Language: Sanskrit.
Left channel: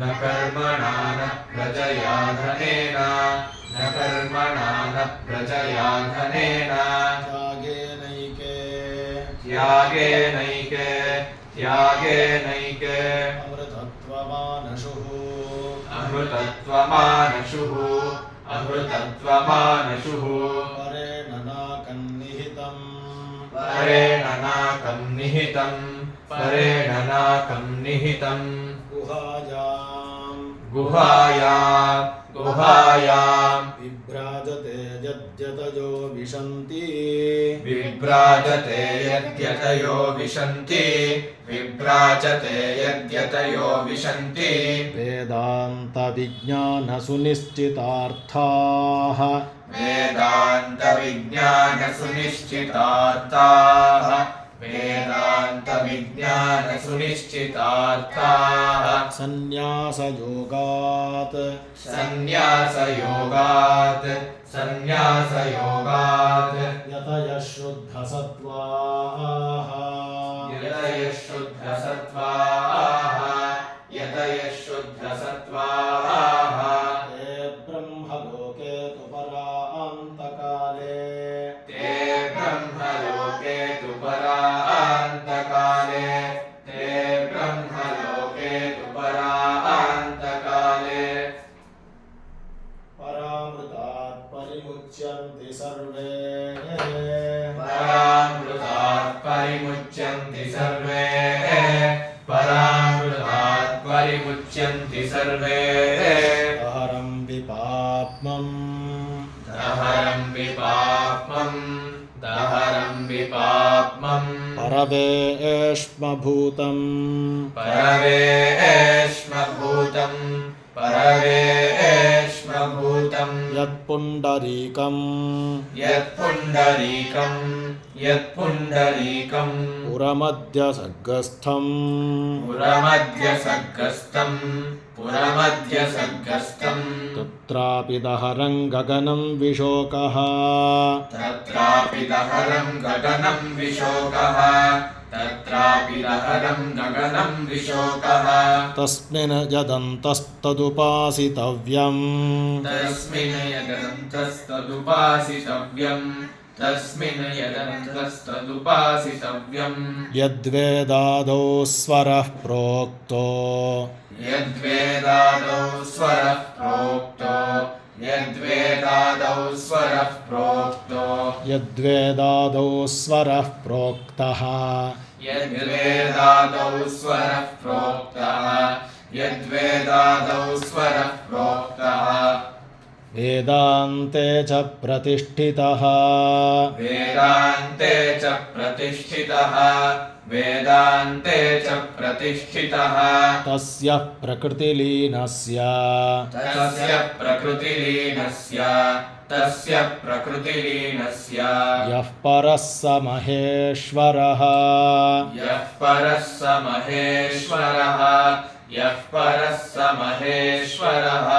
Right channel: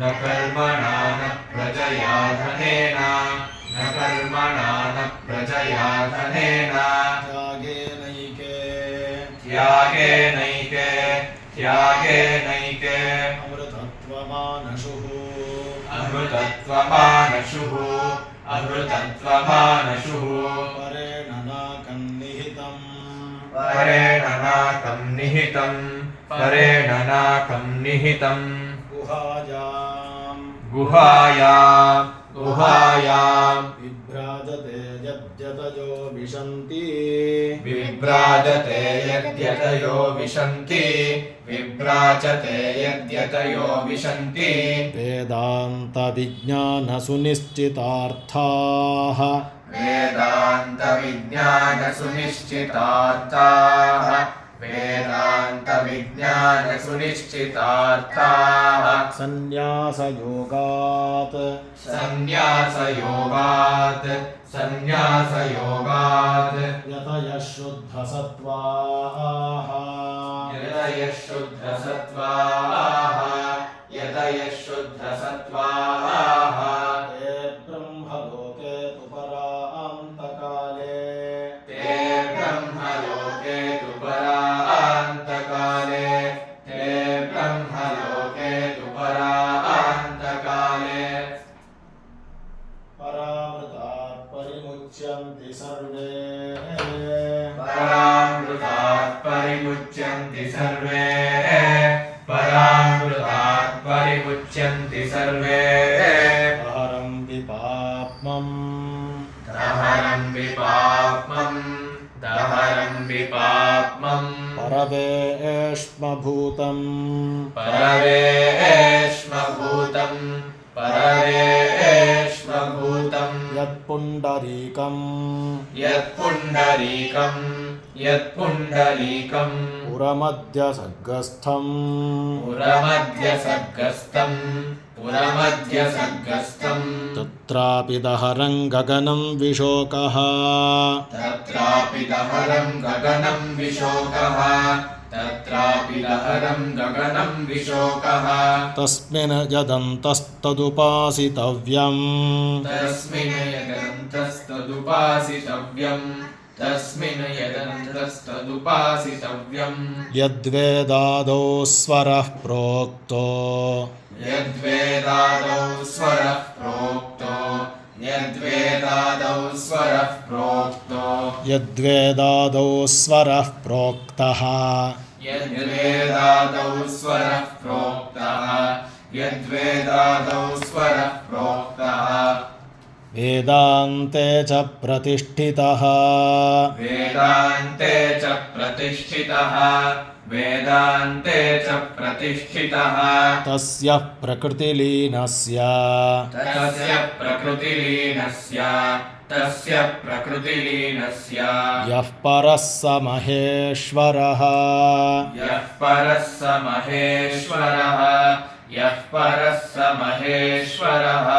न कर्मणा न प्रजया धनेन न कर्मणा न प्रजया धनेन त्यागेनैके अमृतत्वमानशुः परेण नाकं निहितं गुहायां विभ्राजते यद्यतयो विशन्ति वेदान्तविज्ञानसुनिश्चितार्थाः संन्यासयोगात् यतयः शुद्धसत्त्वाः ते ब्रह्मलोके तु परान्तकाले परामृतात् परिमुच्यन्ते सर्वे दहरं विपाप्मम् परवेश्मभूतं यत्पुण्डरीकं पुरमध्यसर्गस्थं तत्रापि दहरं गगनं विशोकः तस्मिन् यदन्तस्तदुपासितव्यम् यद्वेदादौ स्वरः प्रोक्तो यद्वेदादौ स्वरः प्रोक्तः वेदान्ते च प्रतिष्ठितः तस्य प्रकृतिलीनस्य यः परः स महेश्वरः